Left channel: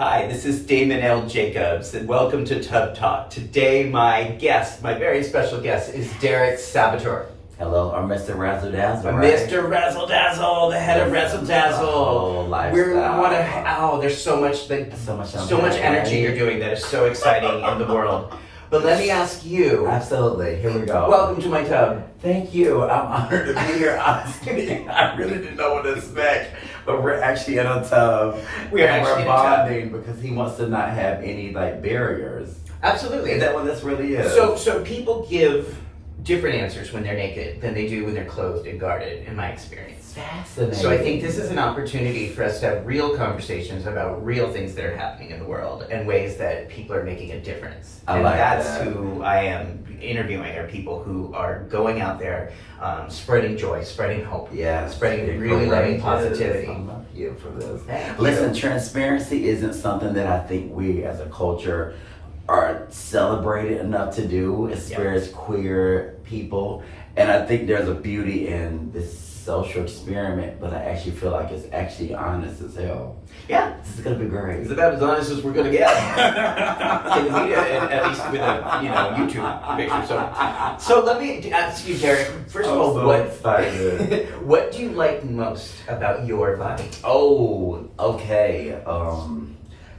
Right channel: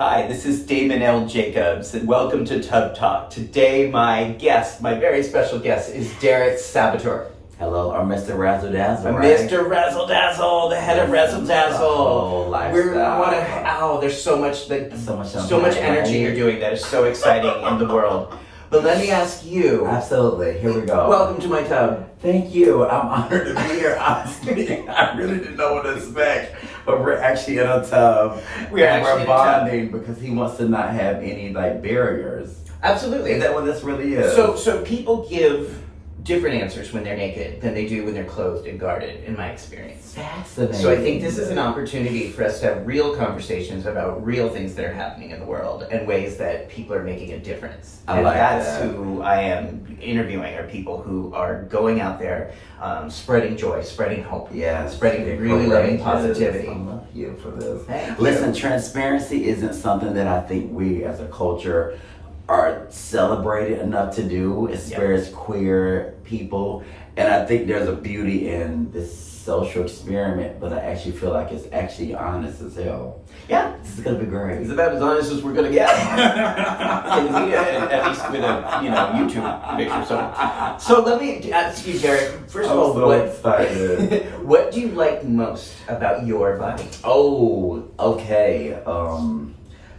Hi, this is Damon L. Jacobs, and welcome to Tub Talk. Today, my very special guest, is Derrick Sabater. Hello, or Mr. Razzle Dazzle, right? Mr. Razzle Dazzle, the head of Razzle Dazzle. There's so much energy you're doing that is so exciting in the world. But let me ask you. Absolutely, here we go. Welcome to my tub. Thank you. I'm honored to be here. Honestly, I really didn't know what to expect, but we're actually in a tub. We're bonding because he wants to not have any barriers. Absolutely. Is that what this really is? So people give different answers when they're naked than they do when they're clothed and guarded, in my experience. Fascinating. So I think this is an opportunity for us to have real conversations about real things that are happening in the world and ways that people are making a difference. That's who I am interviewing, are people who are going out there, spreading joy, spreading hope, spreading really loving positivity. I love you for this. Thank Listen, you. transparency isn't something that I think we as a culture are celebrated enough to do, as queer people. And I think there's a beauty in this social experiment, but I actually feel like it's actually honest as hell. Yeah. This is gonna be great. It's about as honest as we're gonna get. At least with a YouTube picture. So let me ask you, Derrick. First of all, what do you like most about your body? Oh, okay.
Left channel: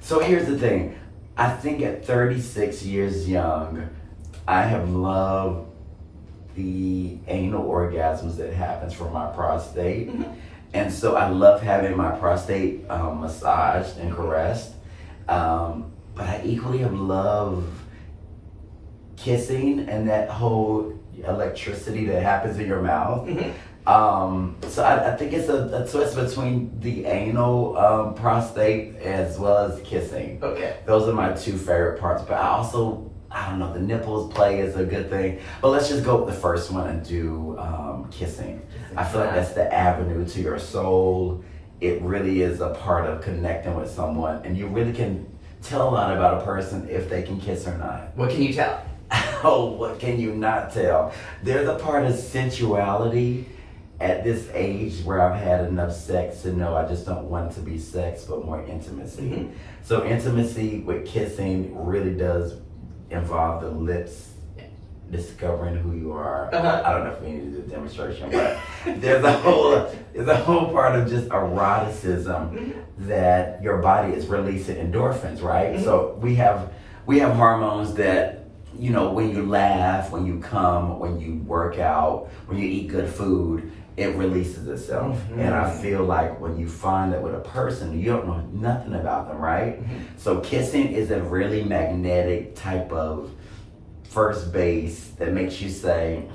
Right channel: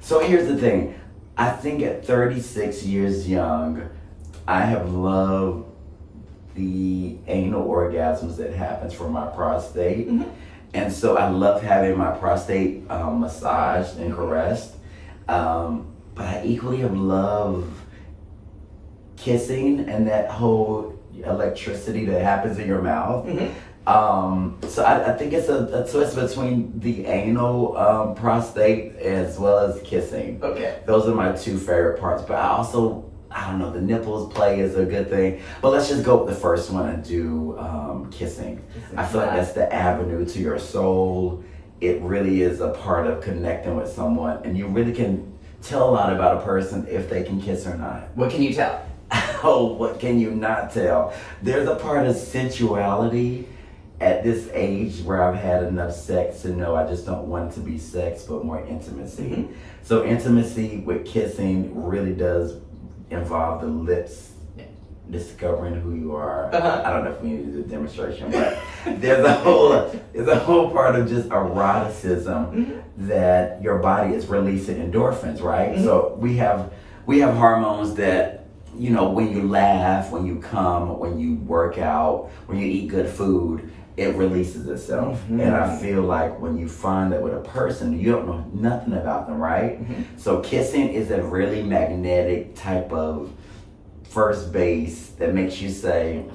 So here's the thing. I think at 36 years young, I have loved the anal orgasms that happens from my prostate. Mm-hmm. And so I love having my prostate massaged and caressed. But I equally have loved kissing and that whole electricity that happens in your mouth. Mm-hmm. So I think it's a twist between the anal prostate as well as kissing. Okay. Those are my two favorite parts. But I don't know, the nipples play is a good thing. But let's just go with the first one and do kissing. I feel like that's the avenue to your soul. It really is a part of connecting with someone. And you really can tell a lot about a person if they can kiss or not. What can you tell? Oh, what can you not tell? There's a part of sensuality at this age where I've had enough sex to know I just don't want it to be sex, but more intimacy. Mm-hmm. So intimacy with kissing really does involve the lips discovering who you are. I don't know if we need to do a demonstration, but there's a whole part of just eroticism that your body is releasing endorphins, right? Mm-hmm. So we have hormones that, when you laugh, when you come, when you work out, when you eat good food, it releases itself. Mm-hmm. And I feel like when you find that with a person, you don't know nothing about them, right? Mm-hmm. So kissing is a really magnetic type of first base that makes you say,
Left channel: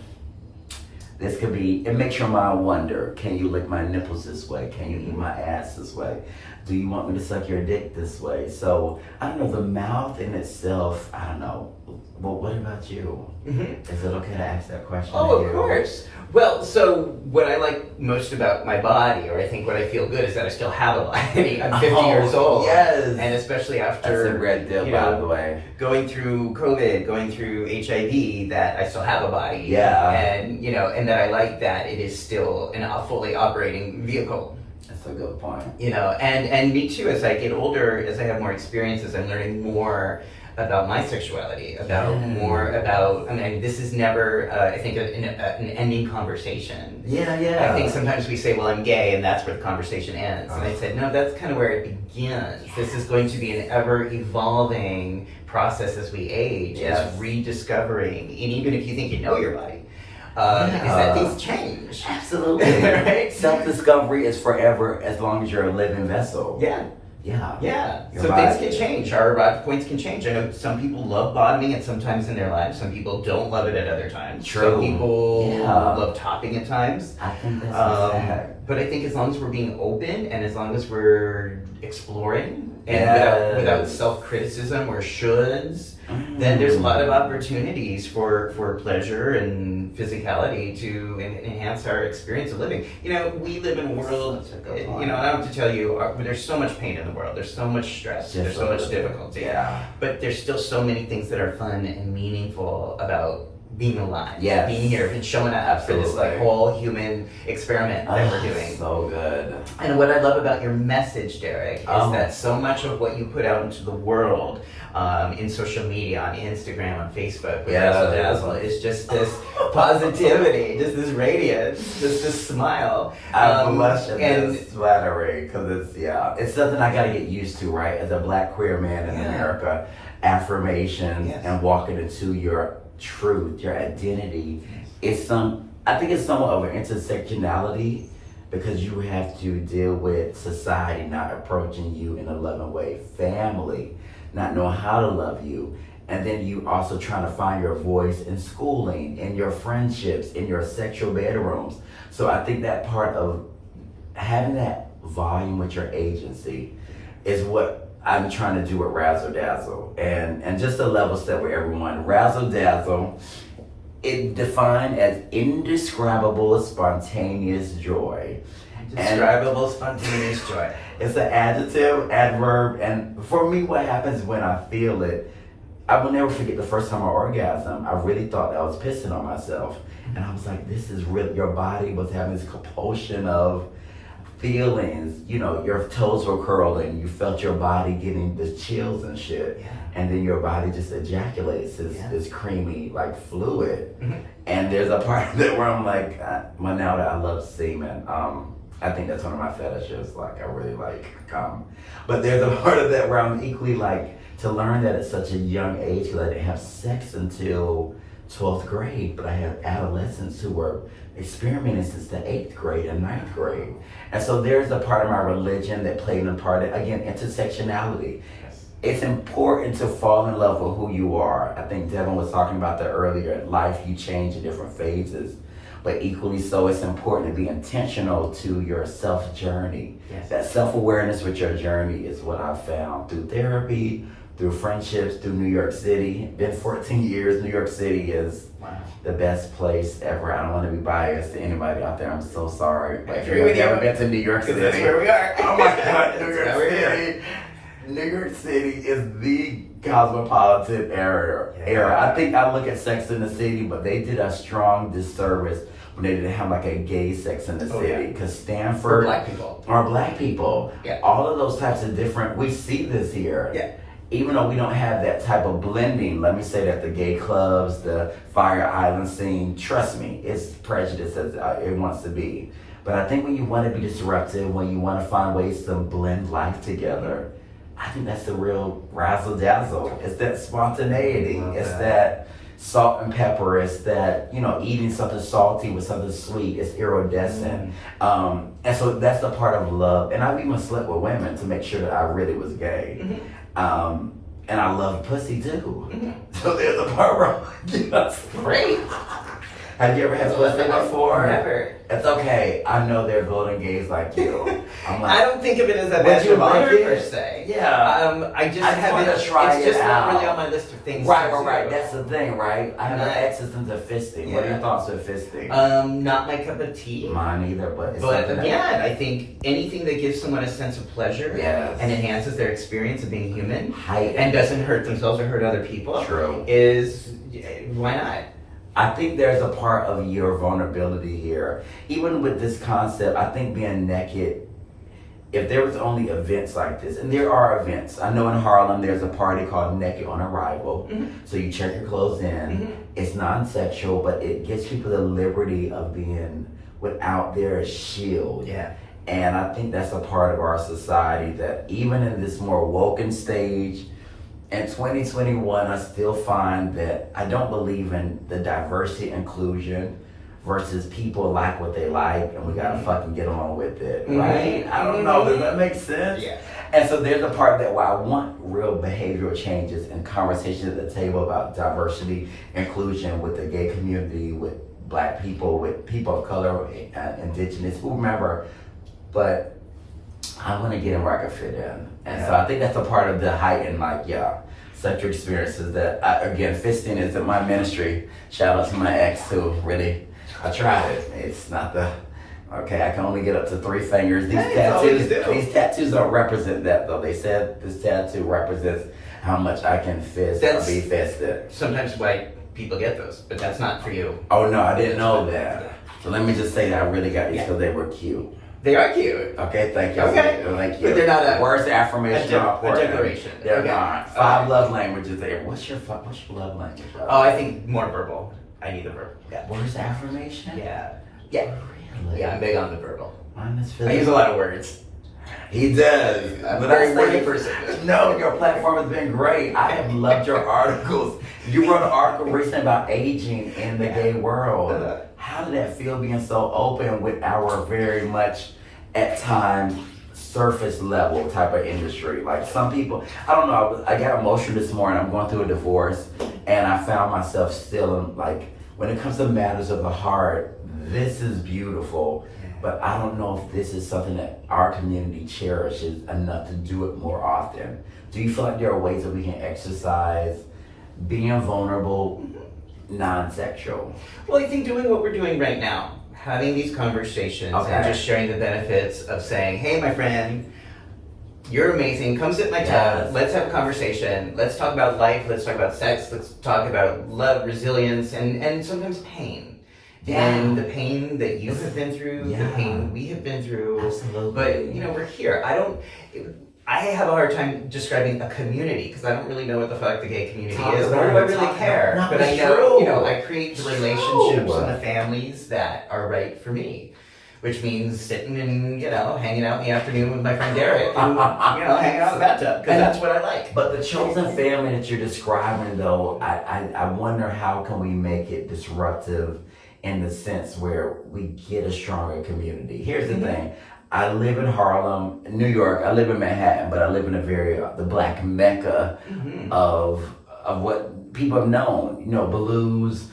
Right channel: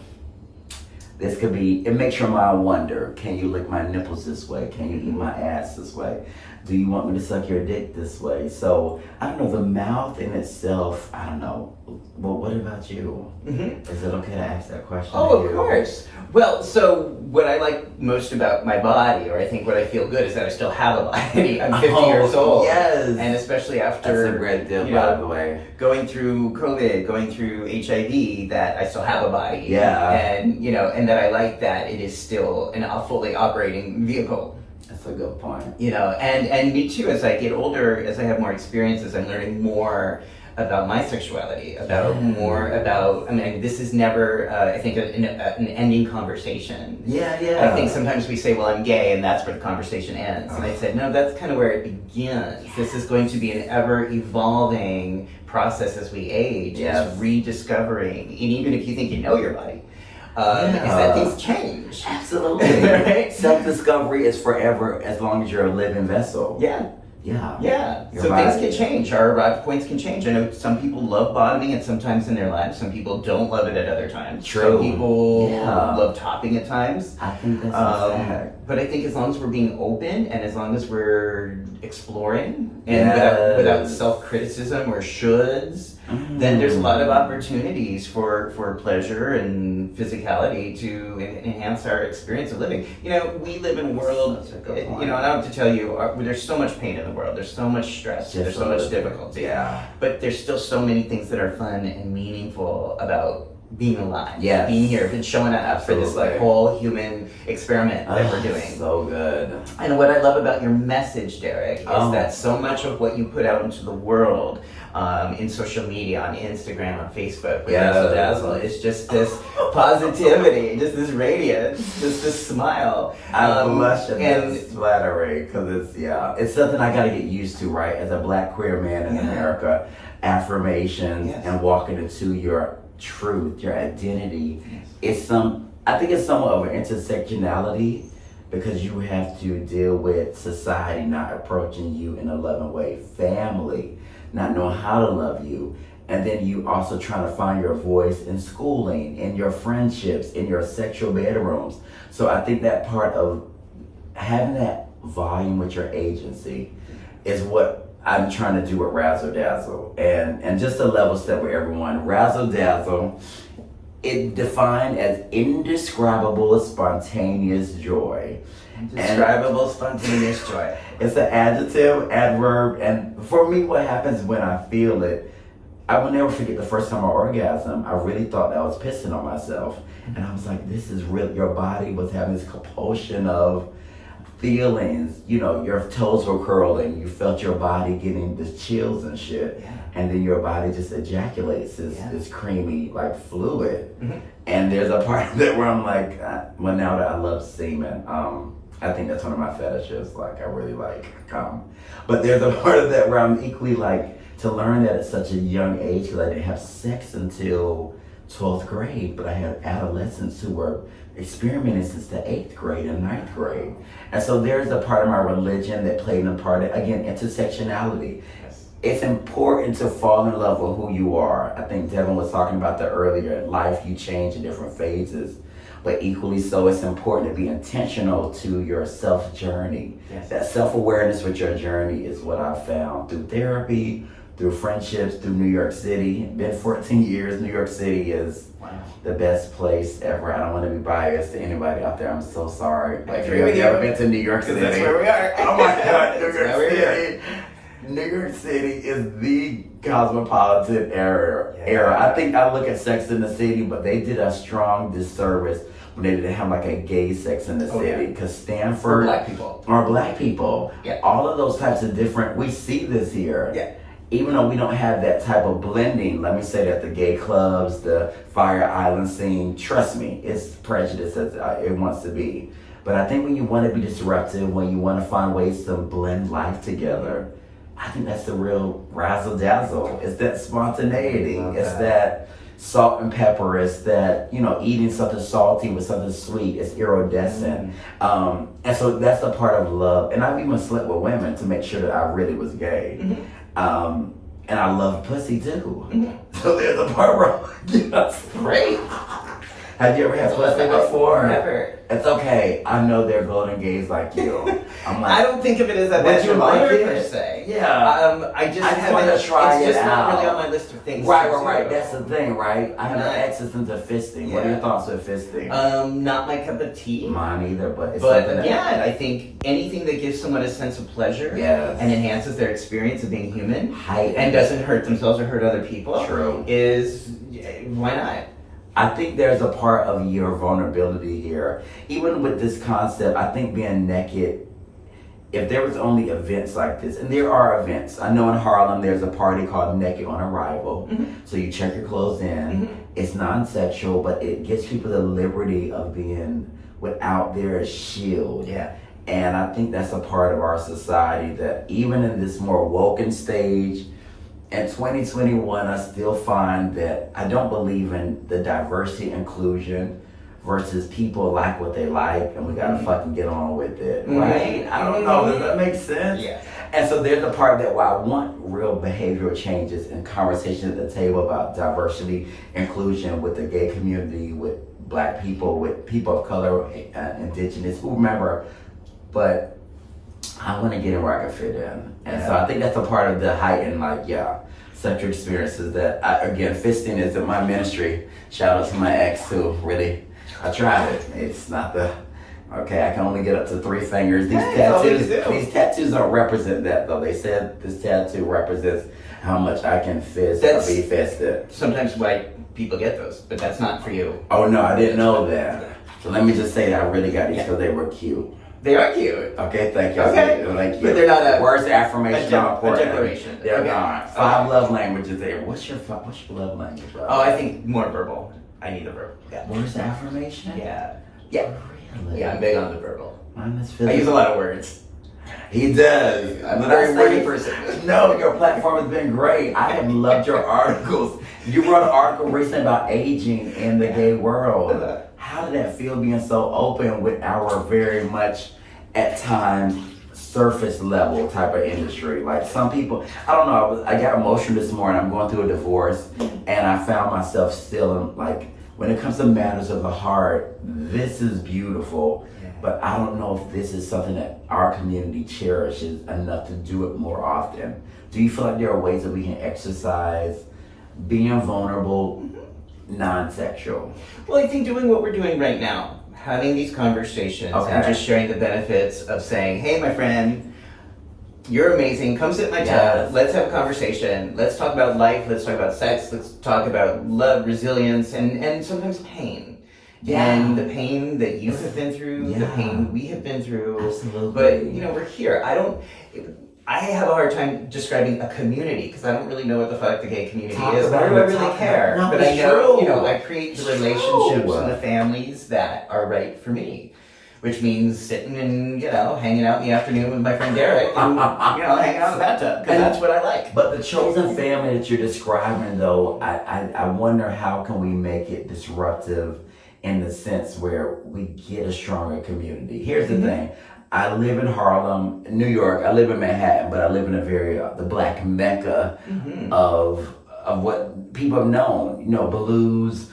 it makes your mind wonder, can you lick my nipples this way? Can you eat my ass this way? Do you want me to suck your dick this way? So, I don't know, the mouth in itself, I don't know. Well, what about you? Mm-hmm. Is it okay to ask that question? Oh, of course. Well, so what I like most about my body, or I think what I feel good, is that I still have a body. I'm 50 years old. Yes. And especially after... That's a great deal, by the way. Going through COVID, going through HIV, that I still have a body. Yeah. And, and that I like that it is still a fully operating vehicle. That's a good point. And me too, as I get older, as I have more experiences, I'm learning more about my sexuality, this is never, I think, an ending conversation. Yeah. I think sometimes we say, well, I'm gay, and that's where the conversation ends. And I said, no, that's kind of where it begins. Yes. This is going to be an ever-evolving process as we age, is rediscovering, and even if you think you know your body, is that things change. Absolutely. Right? Self-discovery is forever as long as you're a living vessel. Yeah. Yeah. So things can change. Our arrival points can change. I know some people love bottoming at some times in their lives. Some people don't love it at other times. True. Some people love topping at times. I think that's sad. But I think as long as we're being open and as long as we're exploring and without self-criticism or shoulds, then there's a lot of opportunities for pleasure and physicality to enhance our experience of living. We live in a world, I don't have to tell you, there's so much pain in the world. There's so much stress. There's so much difficulty. Yeah. But there's still so many things that are fun and meaningful about being alive, Yes. being here, and showing up for this like Absolutely. whole human experiment that we're doing. So good. And what I love about your message, Derrick, is that so much of what you put out into the world in social media, on Instagram, on Facebook, with Razzle Dazzle, is just this positivity, just this radiance, just this smile. I blush at this flattery because it's something I gotta get used to, right? As a Black queer man in America, affirmations and walking into your truth, your identity, I think it's somewhat of an intersectionality because you have to deal with society not approaching you in a loving way, family not knowing how to love you, and then you also trying to find your voice in schooling, in your friendships, in your sexual bedrooms. So I think that part of having that volume with your agency is what I'm trying to do with Razzle Dazzle. And just a level set with everyone, Razzle Dazzle, it defined as indescribable spontaneous joy. Indescribable spontaneous joy. It's an adjective, adverb, and for me what happens when I feel it, I will never forget the first time I orgasmed. I really thought I was pissing on myself. And I was like, this is real. Your body was having this compulsion of feelings. You know, your toes were curling. You felt your body getting the chills and shit. Yeah. And then your body just ejaculates this creamy, like, fluid. Mm-hmm. And there's a part of it where I'm like, well, now that I love semen, I think that's one of my fetishes. Like, I really like cum. But there's a part of that where I'm equally like, to learn that at such a young age, because I didn't have sex until 12th grade, but I had adolescents who were experimenting since the 8th grade and 9th grade. And so there's a part of my religion that played a part of, again, intersectionality. It's important to fall in love with who you are. I think Devin was talking about that earlier. In life, you change in different phases. But equally so, it's important to be intentional to your self-journey. Yes. That self-awareness with your journey is what I found through therapy, through friendships, through New York City. Been 14 years. New York City is the best place ever. I don't want to be biased to anybody out there. I'm so sorry. But if you've ever been to New York City, that's where we are. Oh my God, New York City. New York City is the cosmopolitan era. I think I look at Sex in the City, but they did a strong disservice when they didn't have like a gay Sex in the City. Because Stanford are black people. Yeah. All of those types of different, we see this here. Yeah. Even though we don't have that type of blending, let me say that the gay clubs, the Fire Island scene, trust me, it's prejudice as it wants to be. But I think when you want to be disruptive, when you want to find ways to blend life together, I think that's the real Razzle Dazzle. It's that spontaneity. It's that salt and pepper. It's that, eating something salty with something sweet. It's iridescent. And so that's a part of love. And I've even slept with women to make sure that I really was gay. Mm-hmm. And I love pussy too. Mm-hmm. So there's a part where I'm like, that's great. Have you ever had pussy before? Never. It's okay. I know there are golden gays like you. I'm like, I don't think of it as a would you like honor it? Per se. Yeah. I just want to try it's it just out. not really on my list of things. Right. That's the thing, right? I have access into fisting. What are your thoughts of fisting? Not my cup of tea. Mine either, but again, I think anything that gives someone a sense of pleasure and enhances their experience of being human and doesn't hurt themselves or hurt other people is why not? I think there's a part of your vulnerability here. Even with this concept, I think being naked, if there was only events like this, and there are events. I know in Harlem there's a party called Naked on Arrival. Mm-hmm. So you check your clothes in. Mm-hmm. It's non-sexual, but it gives people the liberty of being without their shield. Yeah. And I think that's a part of our society that even in this more woken stage, in 2021, I still find that I don't believe in the diversity inclusion versus people like what they like and we gotta fucking get on with it, right? I don't know, does that make sense? Yeah. And so there's a part that where I want real behavioral changes and conversation at the table about diversity, inclusion with the gay community, with black people, with people of color, indigenous, whomever, but I want to get in where I can fit in. And so I think that's a part of the heightened, sexual experiences that, again, fisting is in my ministry. Shout out to my ex who really, I tried it. It's not I can only get up to 3 fingers. These tattoos don't represent that though. They said this tattoo represents how much I can fist That's- or be fisted. Sometimes white people get those, but that's not for you. Oh no, I didn't know that. So let me just say that I really got these because they were cute. They are cute. Okay, thank you. Okay. Thank you. But they're not a- words of affirmation a are important. declaration. They're Okay. not. Okay. 5 love languages there. What's your love language? Oh, I think more verbal. I need the verbal. Yeah. Words of affirmation? Yeah. Yeah. Really? Yeah, I'm big on the verbal. Mine is I physical. use a lot of words. He does. I'm a But very I wordy say- person. No, your platform has been great. I have loved your articles. You wrote an article recently about aging in the gay world. How did that feel being so open with our very much, at times, surface level type of industry? Like some people, I don't know, I got emotional this morning. I'm going through a divorce and I found myself still in, like, when it comes to matters of the heart, this is beautiful. But I don't know if this is something that our community cherishes enough to do it more often. Do you feel like there are ways that we can exercise being vulnerable, non-sexual? Well, I think doing what we're doing right now, having these conversations and just sharing the benefits of saying, hey, my friend, you're amazing. Come sit at my table. Let's have a conversation. Let's talk about life. Let's talk about sex. Let's talk about love, resilience, and sometimes pain. Yeah. And the pain that you have been through, the pain we have been through. Absolutely. But, we're here. I have a hard time describing a community because I don't really know what the fuck the gay community is. Nor do I really care. No, but I it's know, true. I create the relationships and the families that are right for me. Which means sitting and, hanging out in the afternoon with my friend Derrick and, hanging out in the bathtub because that's what I like. But the chosen family that you're describing, though, I wonder how can we make it disruptive in the sense where we get a stronger community. Here's the thing. I live in Harlem, New York. I live in Manhattan, but I live in a very, the black mecca of what people have known. Blues,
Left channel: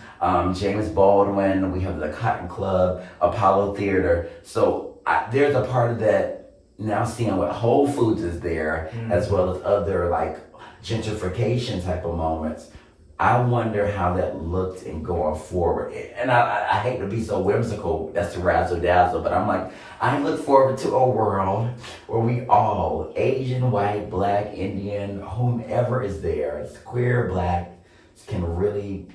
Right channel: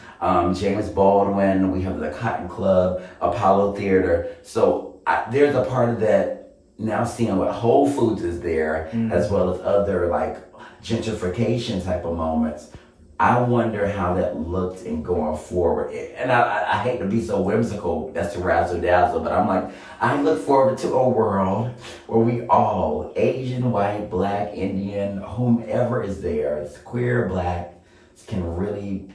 James Baldwin, we have the Cotton Club, Apollo Theater. So there's a part of that now seeing what Whole Foods is there, as well as other like gentrification type of moments. I wonder how that looked in going forward. And I hate to be so whimsical, that's the Razzle Dazzle, but I'm like, I look forward to a world where we all, Asian, white, black, Indian, whomever is there, it's queer, black, can really,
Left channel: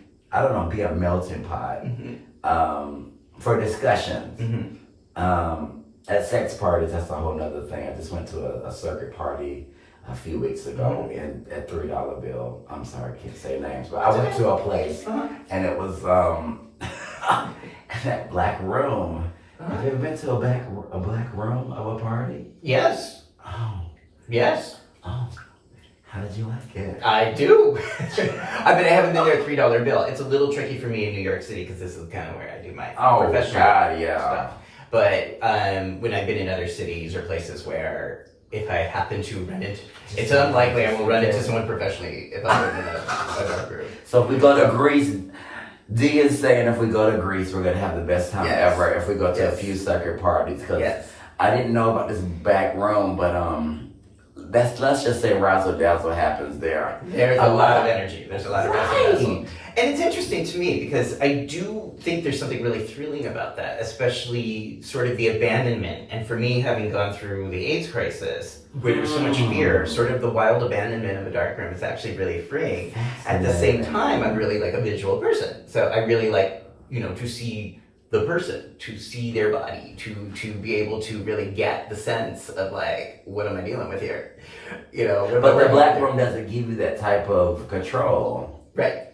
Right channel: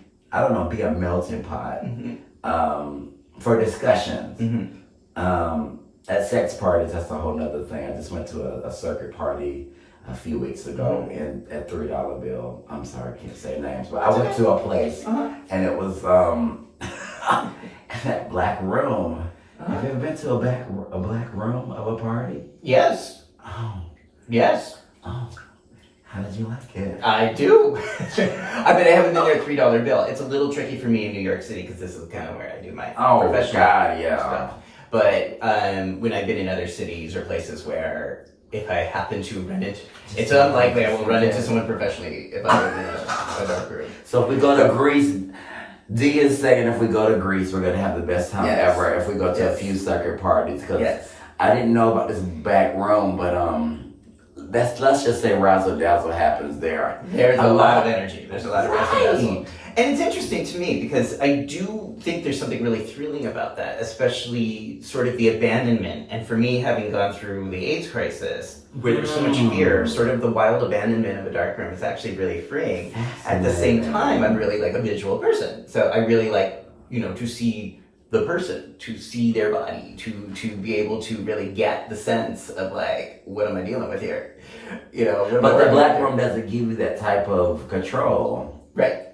be a melting pot for discussions. At sex parties, that's a whole nother thing. I just went to a circuit party a few weeks ago and at $3 bill. I'm sorry, I can't say names, but I went to a place and it was that black room. Have you ever been to a black room of a party? Yes. Oh. Yes. Oh. How did you like it? I do. I haven't been there $3 bill. It's a little tricky for me in New York City because this is kind of where I do my professional stuff. But when I've been in other cities or places where if I happen to run it, it's unlikely I will run into someone professionally if I'm in a dark room. So if we go to Greece, D is saying if we go to Greece, we're going to have the best time ever if we go to a few circuit parties. Because I didn't know about this back room, but let's just say Razzle Dazzle happens there. There's a lot of energy. There's a lot of Razzle Dazzle. And it's interesting to me because I do think there's something really thrilling about that, especially sort of the abandonment. And for me, having gone through the AIDS crisis, where there's so much fear, sort of the wild abandonment of a dark room is actually really freeing. At the same time, I'm really like a visual person. So I really like, to see the person, to see their body, to be able to really get the sense of like, what am I dealing with here? But the black room doesn't give you that type of control. Right.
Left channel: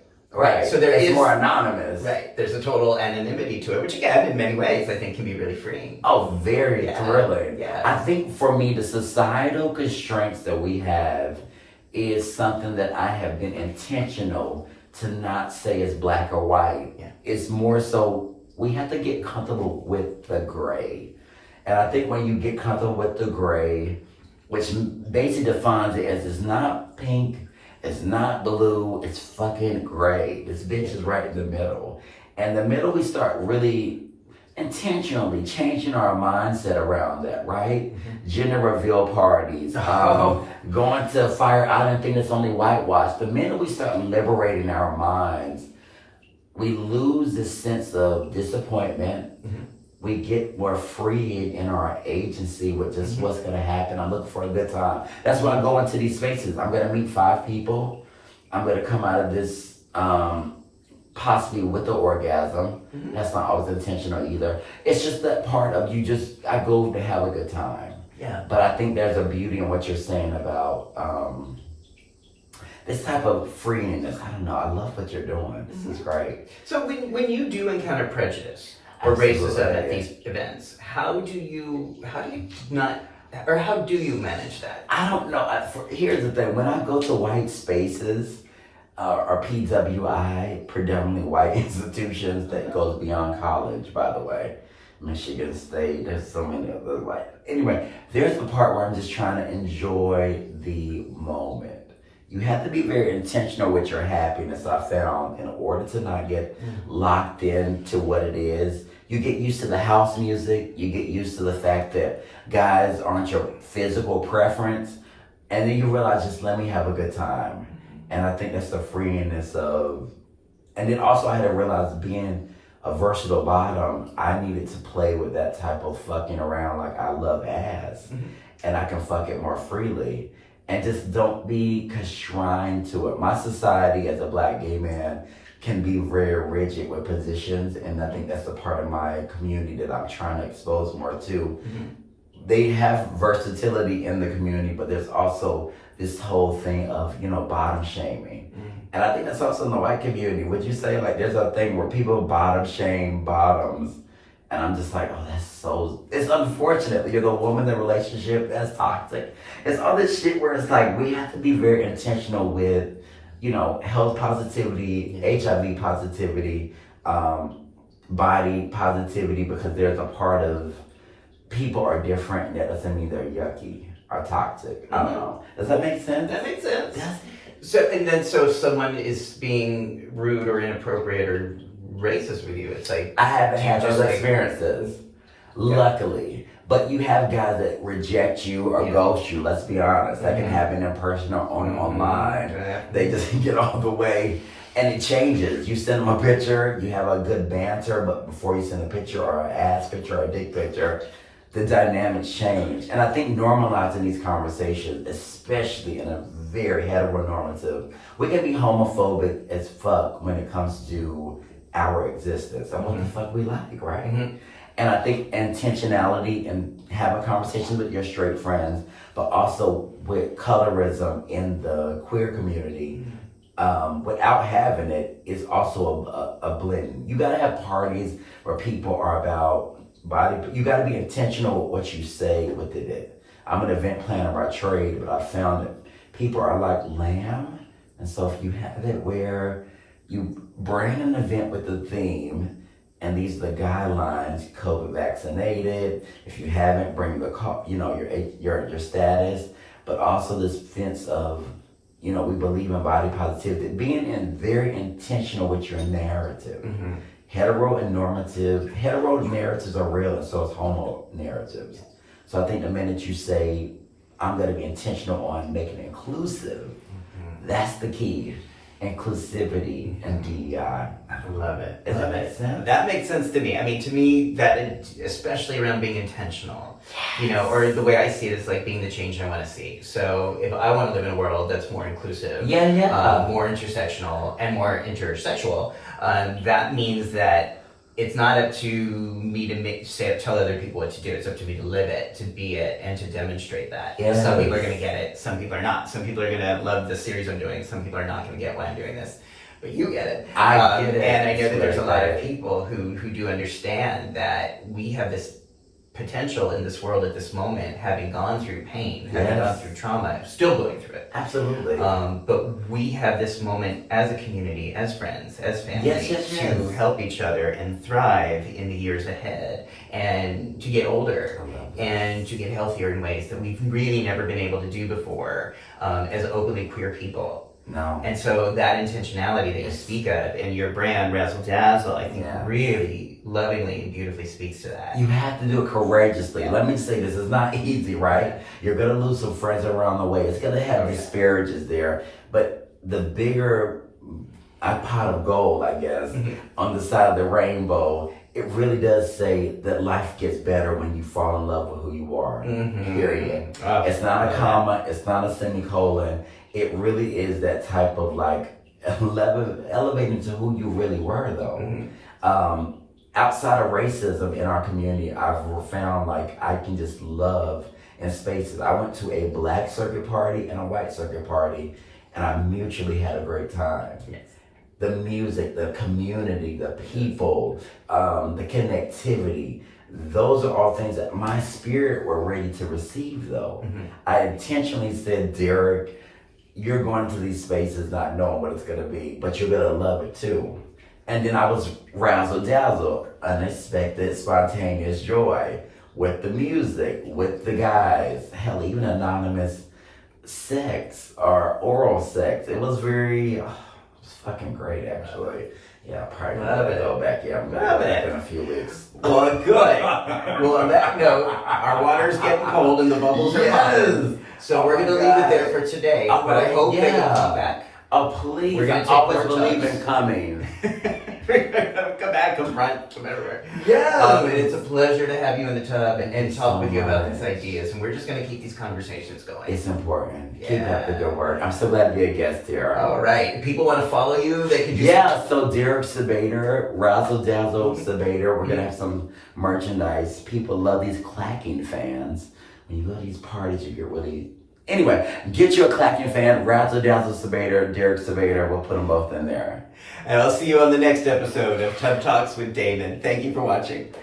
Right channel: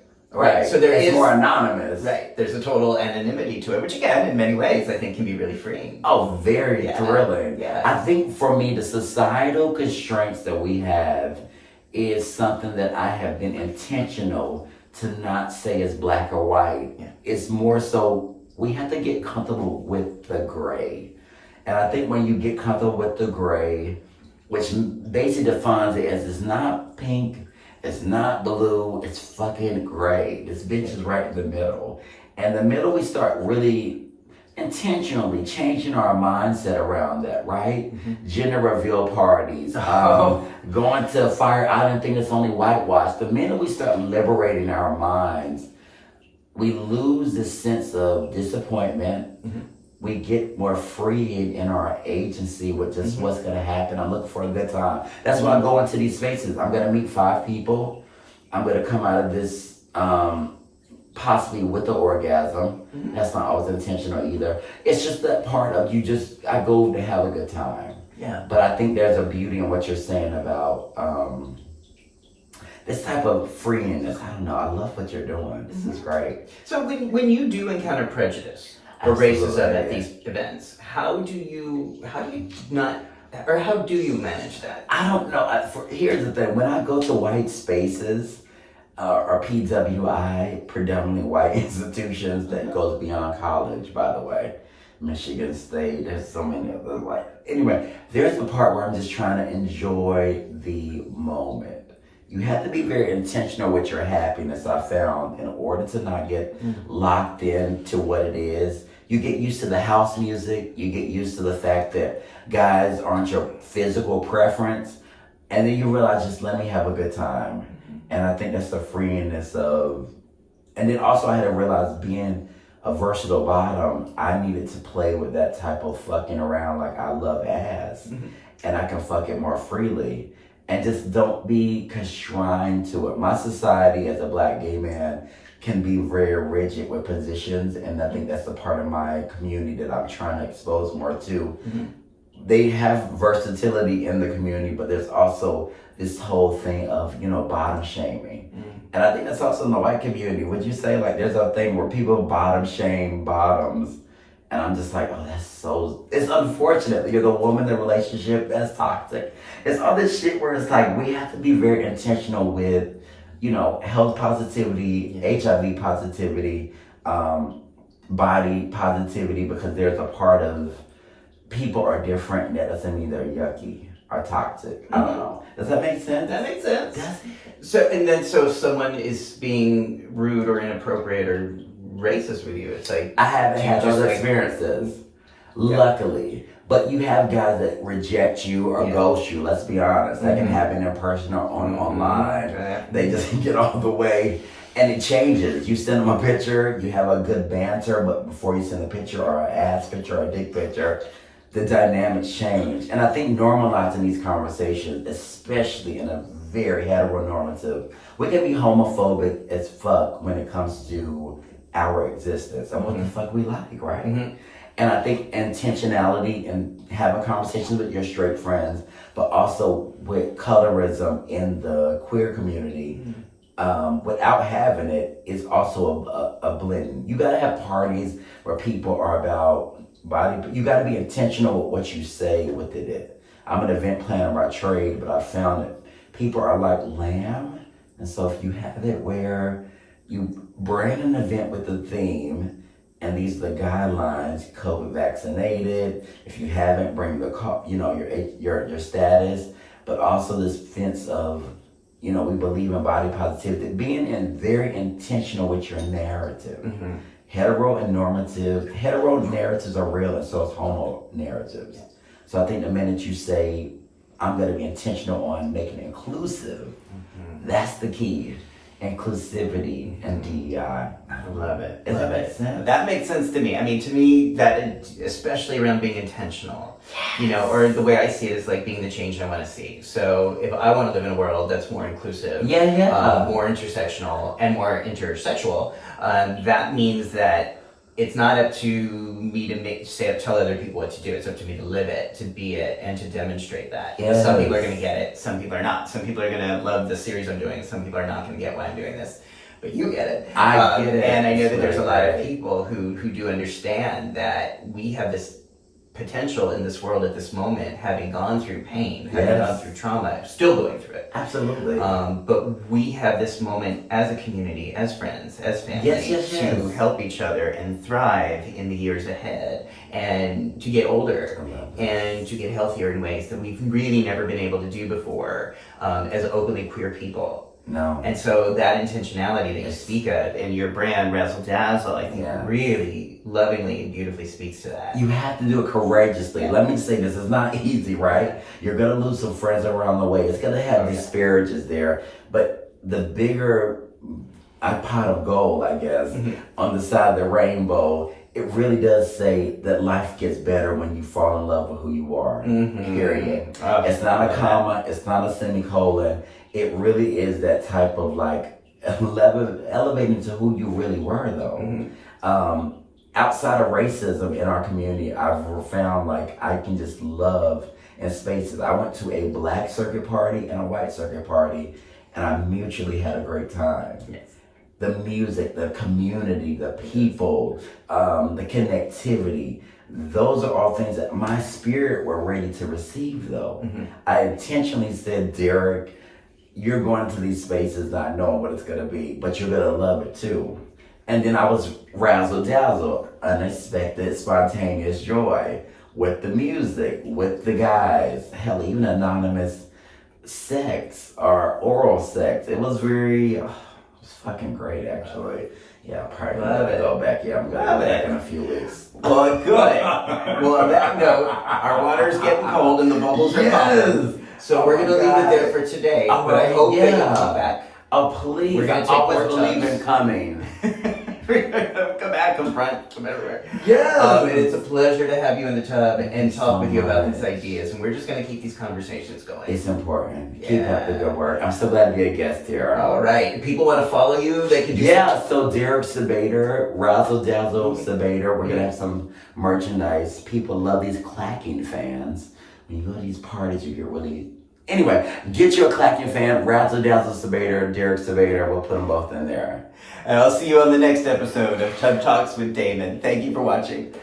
So it's more anonymous. Right. There's a total anonymity to it, which again, in many ways, I think can be really freeing. Oh, very thrilling. Yeah. I think for me, the societal constraints that we have is something that I have been intentional to not say is black or white. Yeah. It's more so we have to get comfortable with the gray. And I think when you get comfortable with the gray, which basically defines it as it's not pink, it's not blue, it's fucking gray. This bitch is right in the middle. And the middle, we start really intentionally changing our mindset around that, right? Gender reveal parties, going to Fire Island thing that's only whitewashed. The minute we start liberating our minds, we lose this sense of disappointment, we get more free in our agency with just what's gonna happen. I'm looking for a good time. That's when I go into these spaces. I'm gonna meet 5 people. I'm gonna come out of this possibly with the orgasm. That's not always intentional either. It's just that part of I go to have a good time. Yeah. But I think there's a beauty in what you're saying about this type of freeiness. I don't know. I love what you're doing. This is great. So when you do encounter prejudice or Absolutely, racism at these events, how do you manage that? I don't know. Here's the thing. When I go to white spaces or PWI, predominantly white institutions that goes beyond college, by the way, Michigan State, there's so many of those. Anyway, there's the part where I'm just trying to enjoy the moment. You have to be very intentional with your happiness, I found, in order to not get locked into what it is. You get used to the house music. You get used to the fact that guys aren't your physical preference. And then you realize, just let me have a good time. And I think that's the freeiness of... And then also I had to realize, being a versatile bottom, I needed to play with that type of fucking around. Like, I love ass. And I can fuck it more freely. And just don't be constrained to it. My society as a Black gay man can be very rigid with positions, and I think that's the part of my community that I'm trying to expose more to. They have versatility in the community, but there's also this whole thing of, bottom shaming. And I think that's also in the white community. Would you say, like, there's a thing where people bottom shame bottoms? And I'm just like, oh, it's unfortunate. You're the woman in the relationship, that's toxic. It's all this shit where it's like, we have to be very intentional with, health positivity, HIV positivity, body positivity, because there's a part of people are different, and that doesn't mean they're yucky or toxic. I don't know. Does that make sense? That makes sense. So if someone is being rude or inappropriate or racist with you, it's like... I haven't had those experiences, luckily. But you have guys that reject you or ghost you, let's be honest. That can happen in person or online. They just get all the way, and it changes. You send them a picture, you have a good banter, but before you send a picture or an ass picture or a dick picture, the dynamics change. And I think normalizing these conversations, especially in a very heteronormative, we can be homophobic as fuck when it comes to our existence and what the fuck we like, right? And I think intentionality and having conversations with your straight friends, but also with colorism in the queer community, without having it, is also a blend. You gotta have parties where people are about body, but you gotta be intentional with what you say with it. I'm an event planner by trade, but I found that people are like lamb. And so if you have it where you bring an event with the theme, and these are the guidelines: COVID vaccinated. If you haven't, bring the your status. But also this sense of, we believe in body positivity. Being very intentional with your narrative. Hetero narratives are real, and so is homo narratives. So I think the minute you say, I'm going to be intentional on making it inclusive, that's the key. Inclusivity and DEI. I love it. Does that make sense? That makes sense to me. I mean, to me, that especially around being intentional, or the way I see it is like being the change I want to see. So if I want to live in a world that's more inclusive, more intersectional, and more intersexual, that means that it's not up to me to tell other people what to do. It's up to me to live it, to be it, and to demonstrate that. Some people are going to get it. Some people are not. Some people are going to love the series I'm doing. Some people are not going to get why I'm doing this. But you get it. I get it. And I know that there's a lot of people who do understand that we have this potential in this world at this moment, having gone through pain, having gone through trauma, still going through it. Absolutely. But we have this moment as a community, as friends, as family, to help each other and thrive in the years ahead, and to get older and to get healthier in ways that we've really never been able to do before as openly queer people. No. And so that intentionality that you speak of in your brand, Razzle Dazzle, I think really lovingly and beautifully speaks to that. You have to do it courageously. Let me say this, it's not easy, right? You're gonna lose some friends around the way. It's gonna have disparages there. But the bigger a pot of gold, I guess, on the side of the rainbow, it really does say that life gets better when you fall in love with who you are, period. Oh, it's not a comma, it's not a semicolon. It really is that type of like elevating to who you really were, though. Outside of racism in our community, I've found like I can just love in spaces. I went to a black circuit party and a white circuit party, and I mutually had a great time. Yes. The music, the community, the people, the connectivity, those are all things that my spirit were ready to receive, though. I intentionally said, Derrick, you're going to these spaces not knowing what it's going to be, but you're going to love it too. And then I was Razzle Dazzle, unexpected, spontaneous joy with the music, with the guys, hell, even anonymous sex or oral sex. It was very, it was fucking great, actually. Yeah, probably gonna go back. Yeah, I'm gonna go back in a few weeks. Well, good. Well, on that note, our water's getting cold and the bubbles are popping. So we're gonna leave it there for today. But I hope that you'll come back. Oh, please. We're gonna take always more believe tubs. in coming. Come back, come front, come everywhere. Yes. And it's a pleasure to have you in the tub and talk with you about much. these ideas. And we're just going to keep these conversations going. It's important. Keep up the good work. I'm so glad to be a guest here. All right. People want to follow you. They can just So Derrick Sabater, Razzle Dazzle Sabater. We're going to have some merchandise. People love these clacking fans. When you go to these parties, you get really... Anyway, get you a clacking fan, Razzle Dazzle Sabater, Derrick Sabater. We'll put them both in there. And I'll see you on the next episode of Tub Talks with Damon. Thank you for watching.